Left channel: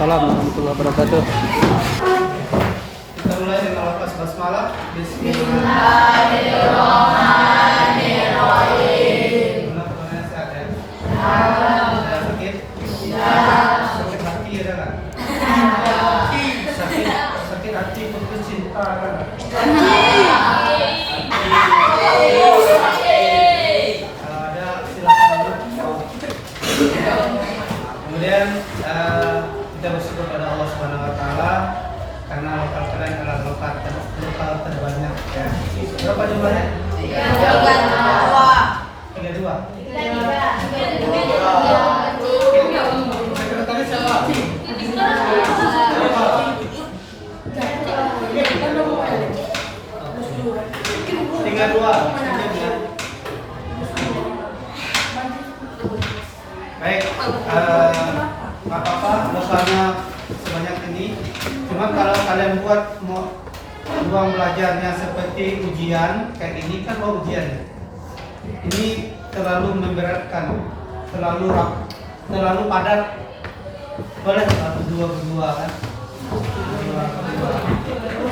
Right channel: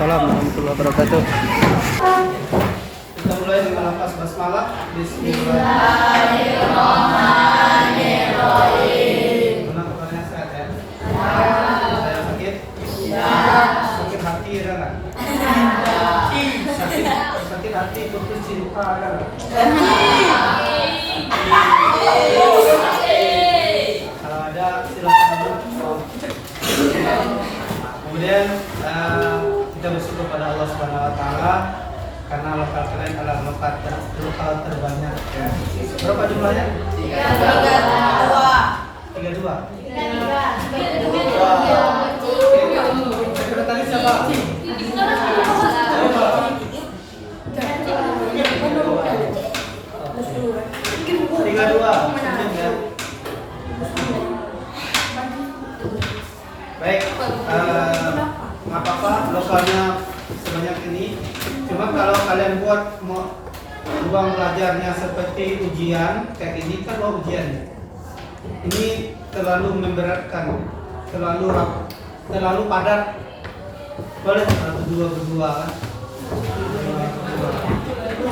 Waalaikumsalam warahmatullahi wabarakatuh. Kita mulai dengan lafaz basmalah. Bismillahirrahmanirrahim. Mana kemarin sehat ya? Saya sakit? Sakit hati ada nggak? Sakit hati putus cinta ada nggak? Kalau ada silakan dulu. Kemudian kita bersyukur pada Allah Subhanahu Wa Taala karena lokal keren adalah lokal terbanyak. Ya. Berapa jumlahnya? 32. Sekretaris siapa? Tiga dua. Baik, nggak apa-apa lokalnya sebanyak ini. Cuma kalau kalian buat ruang belajarnya seperti ujian kayak ini kan ujian. Ini terlalu memberatkan, terlalu padat. Boleh berdua kan?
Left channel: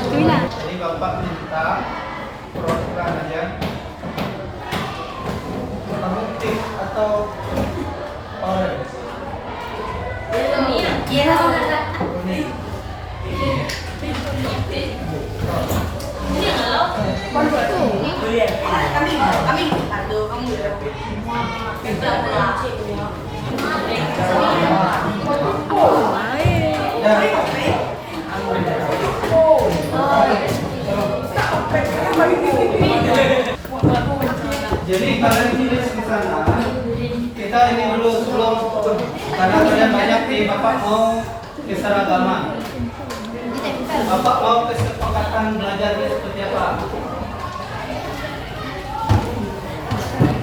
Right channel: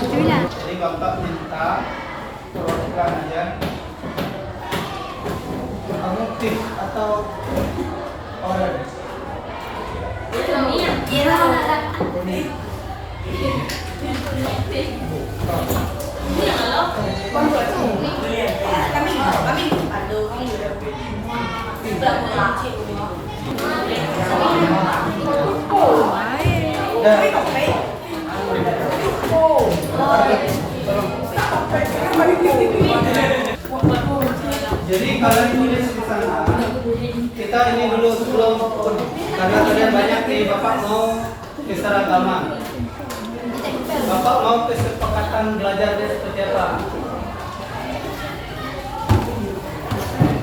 Jadi bapak minta program aja. Kamu tip atau order? Jadi kalian tulis di sana. Kita ini dulu sebelum karena kalian banyak nih, Bapak mau keseragaman. Bapak mau kesepakatan belajarnya seperti apa?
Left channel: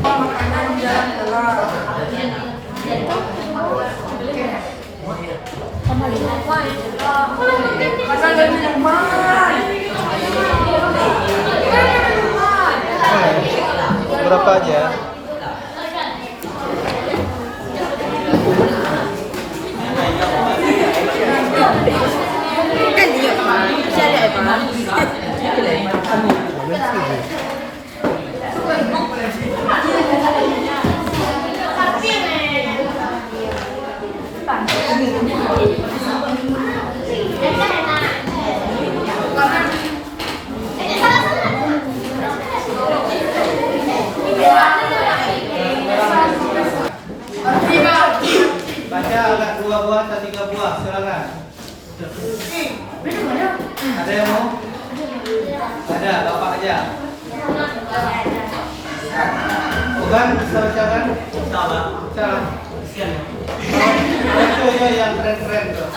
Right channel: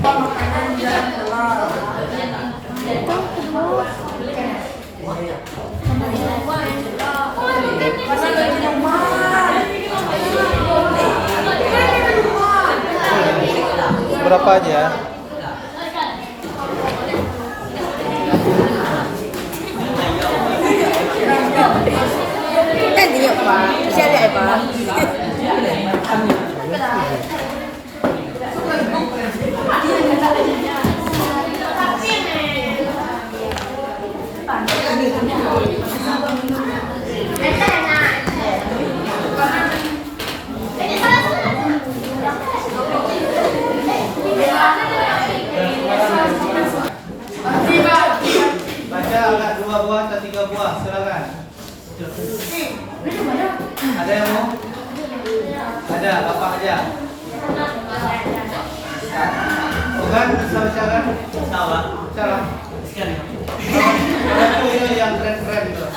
Makanan jalan telat. Makanan minuman. Berapa aja? Kan dia Pak, bisa lihat Pak. Baca agak 2 buah atau 3 buah, silakan. Ada yang mau? Ada, Bapak aja. Bukan, bisa baca kan? Salah. Ada tuh yang keren-keren tuh.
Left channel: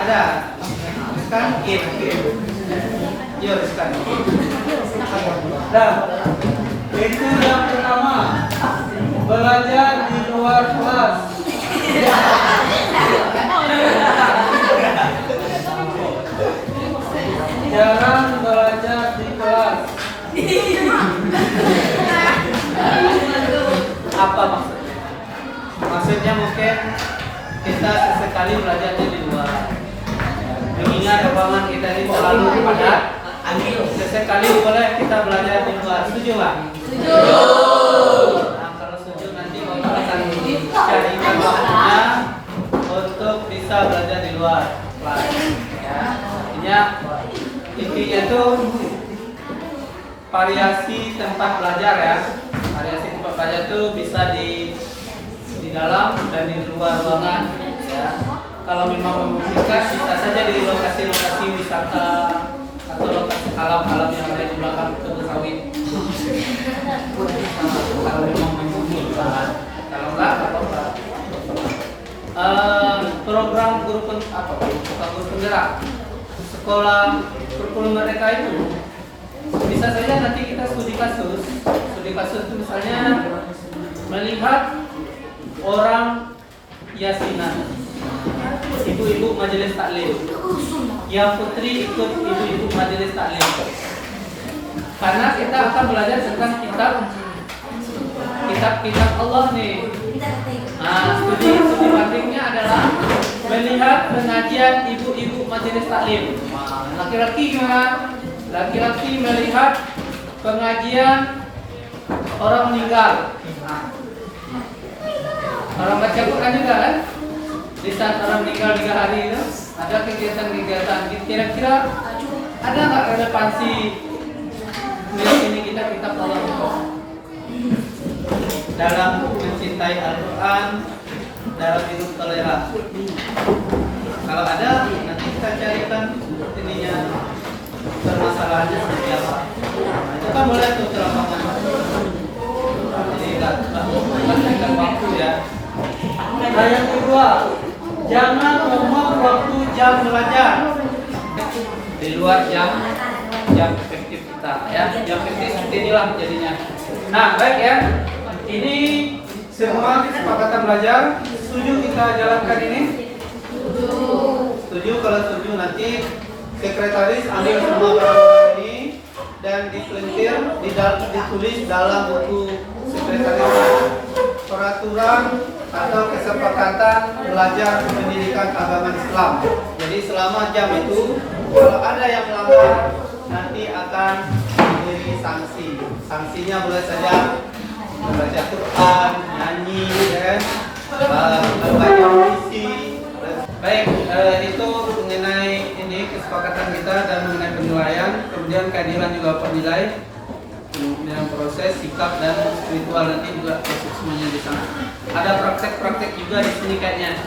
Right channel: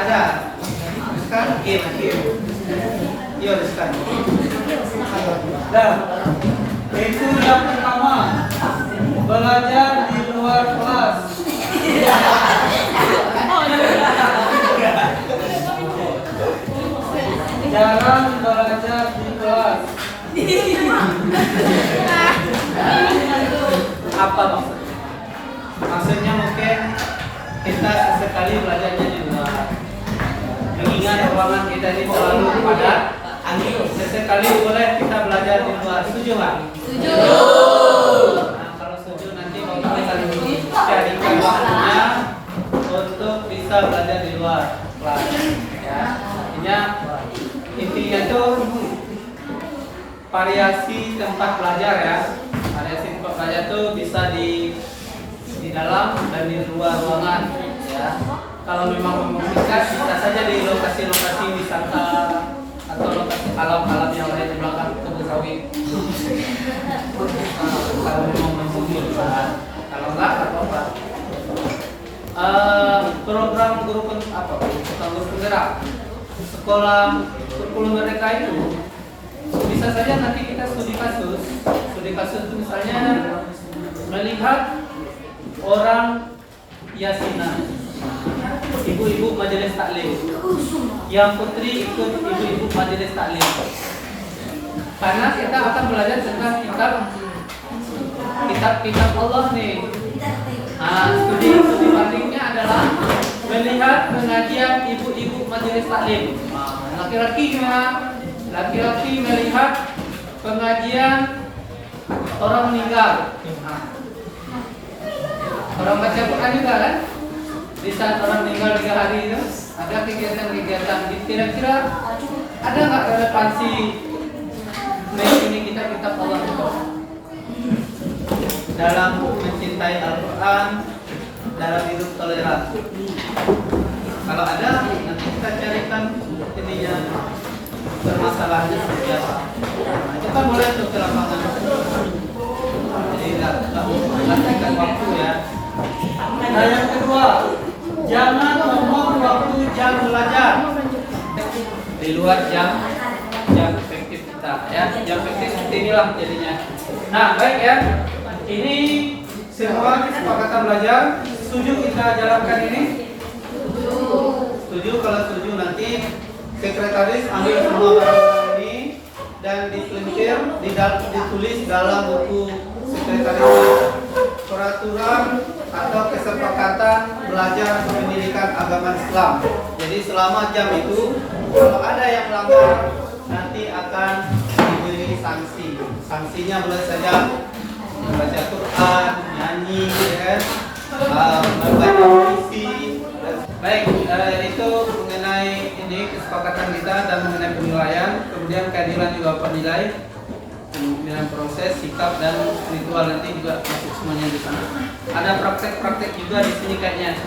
Ada. Riskan? Iya, riskan. Nah, itu yang pertama. Belajar di luar kelas. Jarang belajar di kelas. Apa maksudnya? Maksudnya mungkin kita sesekali belajarnya di luar. Mengingat ruangan kita ini selalu padat. Sesekali boleh kita belajar di luar. Setuju nggak? Setuju. Nah, kalau setuju nanti kita akan carikan waktunya untuk bisa belajar di luar kelas. Ya, intinya tuh variasi tempat belajar ya. Variasi tempat belajar tuh bisa di dalam dan di luar ruangan. Ya. Kalau memang memungkinkan bisa saja di lokasi-lokasi wisata atau lokasi alam-alam yang ada di belakang kebun sawit. Kalau memang memungkinkan, kalau enggak. Program guru penggerak sekolah kurikulum mereka itu bisa saja nanti kita studi kasus itu misalnya melihat orang yasinan, ibu-ibu majelis taklim, yang putri ikut ibu-ibu majelis taklim. Karena kita akan belajar tentang kitab Allah nih. Studi adalah melihat pengajian ibu-ibu majelis taklim. Laki-laki gimana? Laki-laki melihat pengajian orang meninggal. Orang baca Quran juga kan? Di saat orang meninggal 3 hari itu ada kegiatan-kegiatan. Kira-kira ada nggak relevansi ini kita Allah itu dalam mencintai Al-Quran, dalam hidup toleransi? Kalau ada, nanti kita carikan ininya, permasalahannya seperti apa. Itu kan boleh tuh ke lapangan. Jadi lakukan waktu ya. Nah, yang kedua, jangan ngomong waktu jam belajar di luar jam efektif kita ya. Jam efektif seperti inilah jadinya. Nah, baik ya. Ini semua kesepakatan belajar. Setuju kita jalankan ini? Setuju. Kalau setuju nanti sekretaris ambil semua peraturan ini dan dipelintir, ditulis dalam buku sekretaris peraturan atau kesepakatan belajar pendidikan agama Islam. Jadi selama jam itu kalau ada yang melanggar nanti akan diberi sanksi. Sanksinya boleh saja membaca Quran, nyanyi, ya, membaca puisi. Baik, itu mengenai ini kesepakatan kita dan mengenai penilaian. Kemudian keadilan juga penilai, kemudian proses, sikap dan spiritual nanti juga masuk semuanya di sana. Ada praktek-praktek juga di sini kayaknya.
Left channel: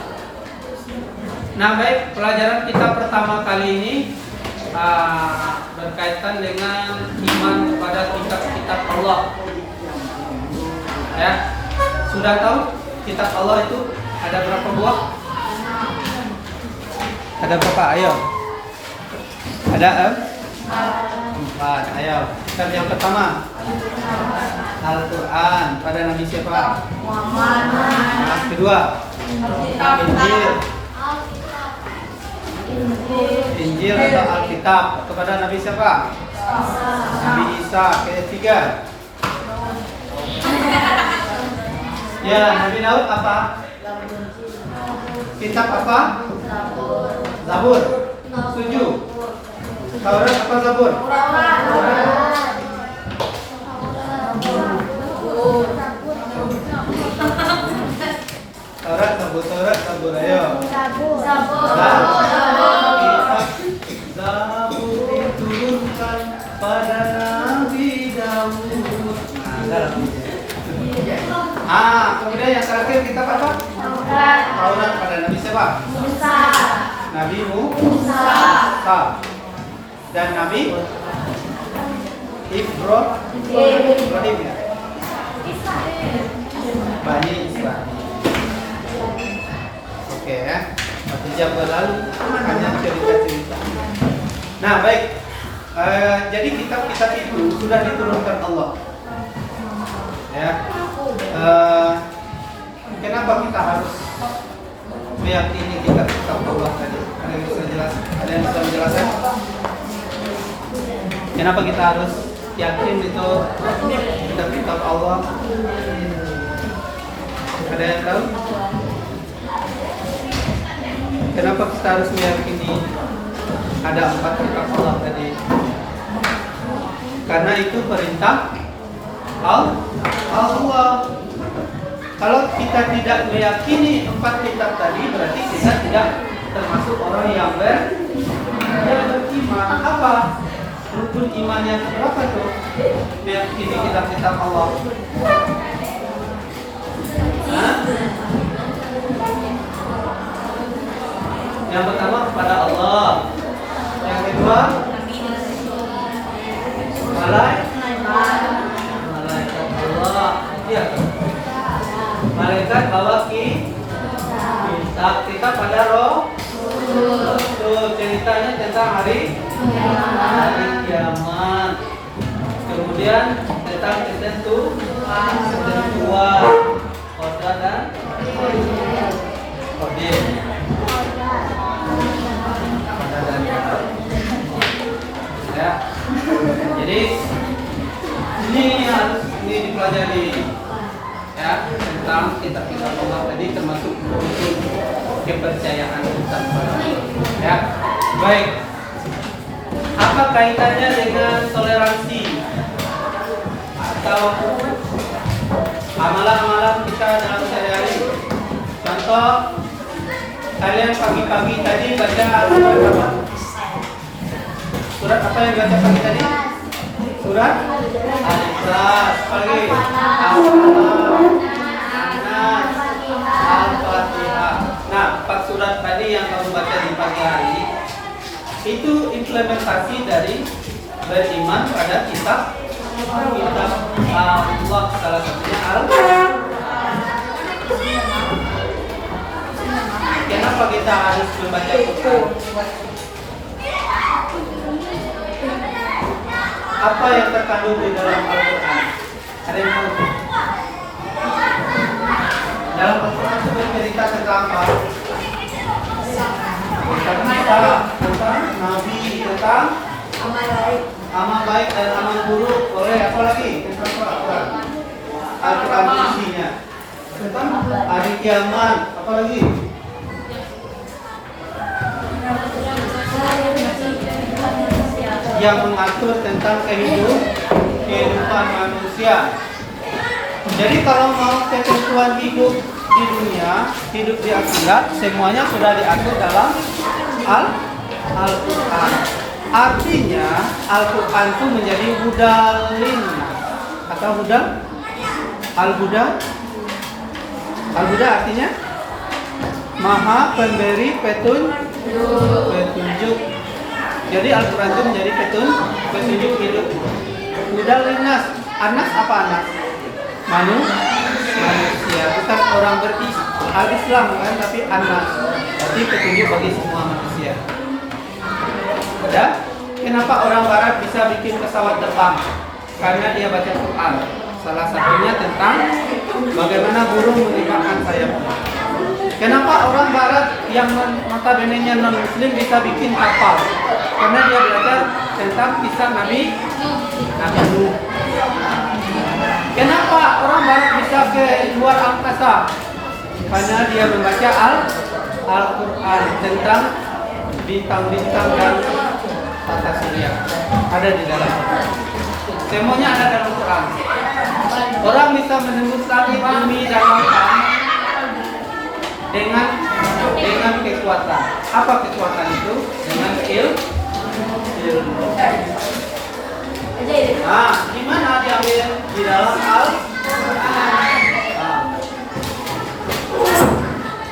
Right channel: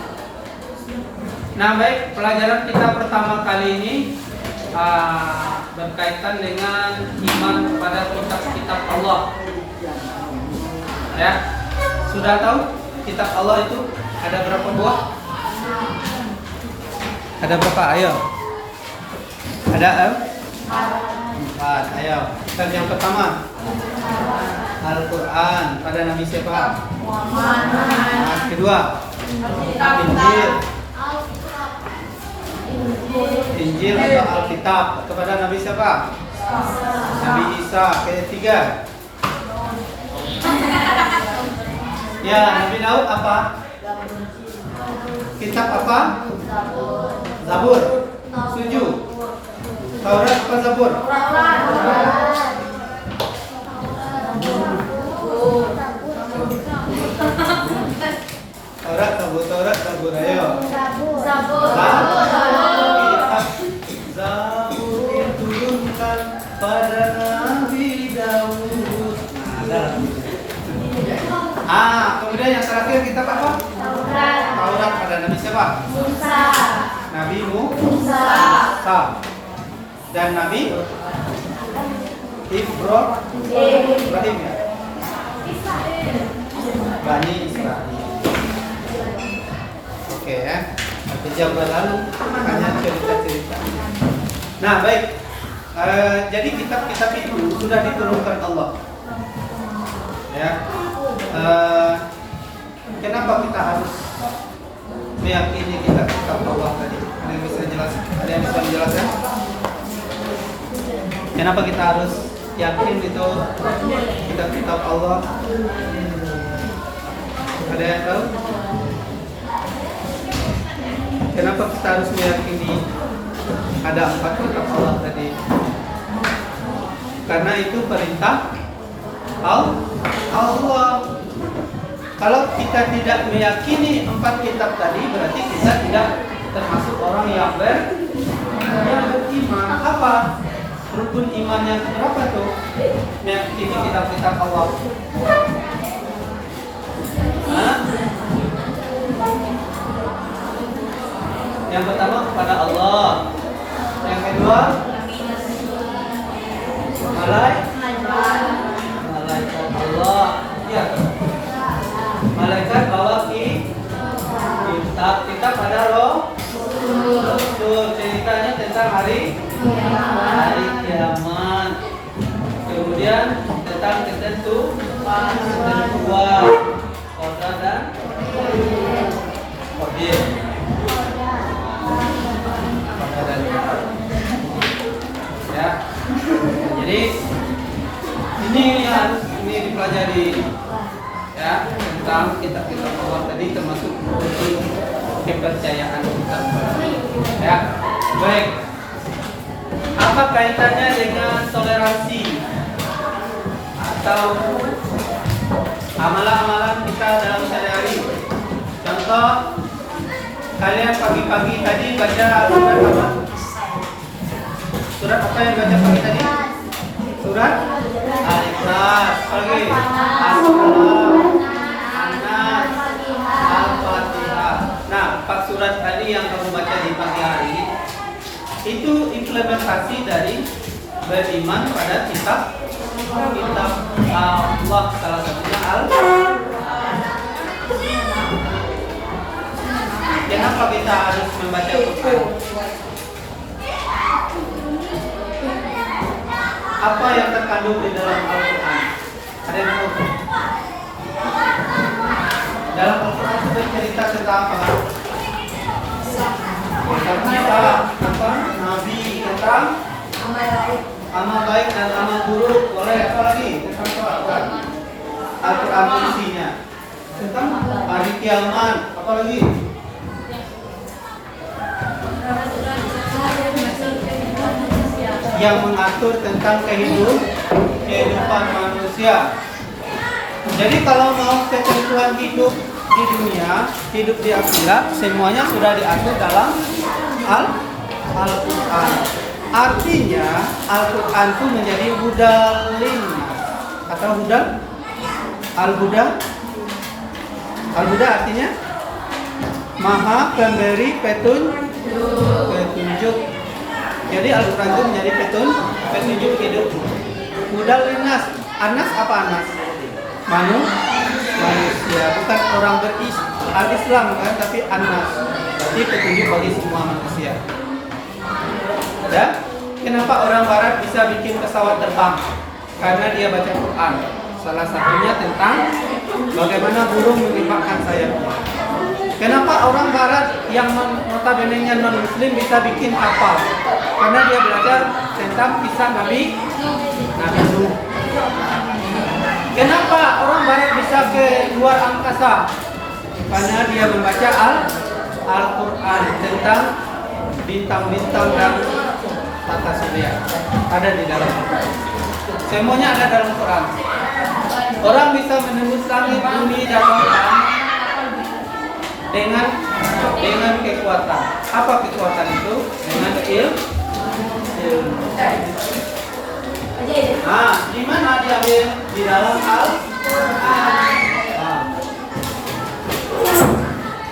Nah, baik, pelajaran kita pertama kali ini berkaitan dengan iman kepada kitab-kitab Allah. Ya, sudah tahu kitab Allah itu ada berapa buah? Ada berapa? Ayo. Ada 4. Ayo. Kitab yang pertama Al-Quran. Pada Nabi siapa? Muhammad. Kedua Injil atau Alkitab. Kepada Nabi siapa? Nabi Isa. Ketiga ya, Nabi Daud apa? Kitab apa? Zabur. Setuju. Taurat apa Zabur? Taurat, Zabur. Ayo. Kitab Zabur diturunkan pada Nabi Daud. Kemudian yang terakhir kitab apa? Taurat pada Nabi siapa? Musa. Nabi Musa. Dan Nabi Ibrahim ya. Bani Israel. Oke ya. 1 jam berlalu hanya cerita-cerita. Nah, baik. Jadi kitab-kitab itu sudah diturunkan Allah. Ya. Kenapa kita harus meyakini kitab-kitab Allah tadi? Ada yang bisa jelaskan? Ada yang bisa menjelaskan? Kenapa kita harus yakin itu kitab-kitab Allah? Ada yang tahu? Kenapa kita harus meyakini ada 4 kitab Allah tadi? Karena itu perintah Allah. Kalau kita tidak meyakini 4 kitab tadi, berarti kita tidak termasuk orang yang beriman. Apa rukun imannya berapa tuh? Meyakini kitab-kitab Allah. Yang pertama kepada Allah. Yang kedua malaikat Allah. Ya. Malaikat bawa kitab pada roh. Ceritanya tentang hari kiamat. Kemudian tentang ketentuan, qada dan qadir. Ya. Jadi ini harus dipelajari ya, tentang kitab-kitab Allah tadi termasuk. Oke kepercayaan kita kepada Allah. Ya, baik. Apa kaitannya dengan toleransi atau amalan-amalan kita dalam sehari-hari? Contoh, kalian pagi-pagi tadi baca surat apa? Surat apa yang baca pagi tadi? Surat Al-Ikhlas. Pagi Al-Nas, Al-Fatihah. Nah, 4 surat tadi yang kamu baca di pagi hari itu implementasi dari beriman pada kitab Allah, salah satunya Al-Quran. Kenapa kita harus membaca Quran? Apa yang terkandung di dalam Al-Quran? Ada yang tahu? Dalam Al-Quran itu bercerita tentang apa? Tentang Nabi, tentang amal baik dan amal buruk. Boleh apa lagi? Tentang apa? Al-Quran isinya tentang hari kiamat. Apa lagi? Yang mengatur tentang kehidupan manusia. Jadi kalau mau ketentuan hidup di dunia, hidup di akhirat, semuanya sudah diatur dalam Al-Quran. Artinya Al-Quran itu menjadi hudal linnas atau hudal al-huda. Al-huda artinya maha pemberi petunjuk. Jadi Al-Quran itu menjadi petunjuk hidup. Hudal linnas. Anas apa anas? Manusia, bukan orang al-Islam kan, tapi anas. Berarti petunjuk bagi semua manusia. Ya, kenapa orang Barat bisa bikin pesawat terbang? Karena dia baca Quran. Salah satunya tentang bagaimana burung mengembangkan sayapnya. Kenapa orang Barat yang notabene-nya non-Muslim bisa bikin kapal? Karena dia belajar tentang kisah Nabi Nuh. Kenapa orang Barat bisa ke luar angkasa? Karena dia membaca Al-Quran tentang bintang-bintang dan tata surya. Ada di dalam Al-Quran. Semuanya ada dalam Quran. Orang bisa menembus langit, bumi, dan lautan dengan kekuatan. Apa kekuatan itu? Dengan ilmu. Nah, di mana diambil? Di dalam Al-Quran.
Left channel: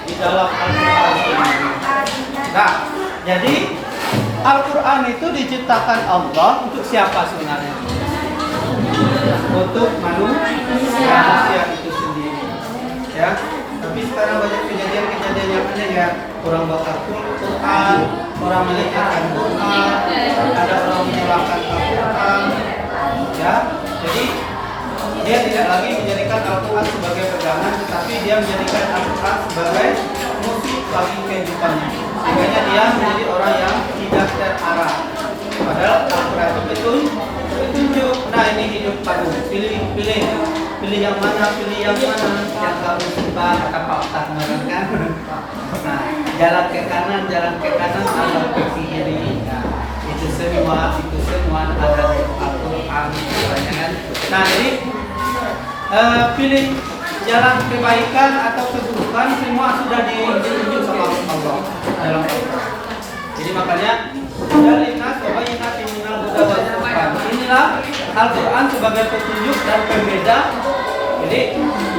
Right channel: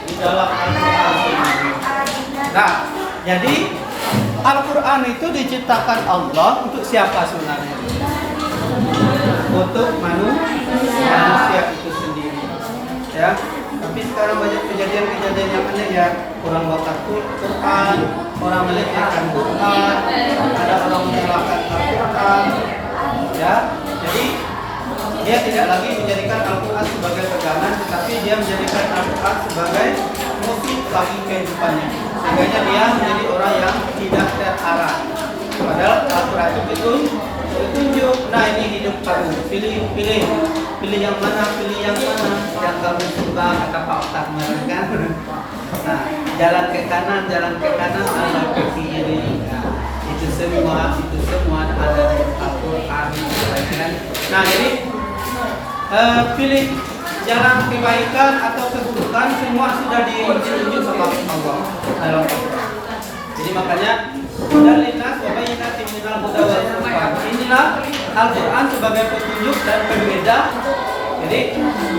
Di dalam Al-Quran. Nah, jadi Al-Quran itu diciptakan Allah untuk siapa sebenarnya? Untuk manusia itu sendiri. Ya. Tapi sekarang banyak kejadian-kejadian yang aneh ya. Orang bakar Quran, orang melecehkan Quran, ada orang menyalahkan Al-Quran. Ya, jadi dia tidak lagi menjadikan Al-Quran sebagai pegangan, tetapi dia menjadikan Al-Quran sebagai musik bagi kehidupannya. Sehingga dia menjadi orang yang tidak terarah. Padahal Al-Quran itu petunjuk. Nah, ini hidup kamu. Pilih yang mana, yang kamu suka, kata Pak Ustaz kemarin kan. Nah, jalan ke kanan, jalan ke kiri. Nah, itu semua ada di Al-Quran kan. Nah, jadi pilih jalan kebaikan atau keburukan, semua sudah ditunjuk sama Allah dalam Al-Quran. Jadi makanya dalinas wa bayyinatin minal huda wal furqan. Inilah Al-Quran sebagai petunjuk dan pembeda. Jadi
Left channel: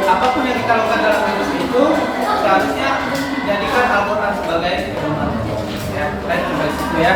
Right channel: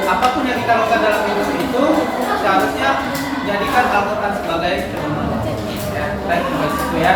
apapun yang kita lakukan dalam hidup itu seharusnya jadikan Al-Quran sebagai pedoman. Ya, baik itu ya.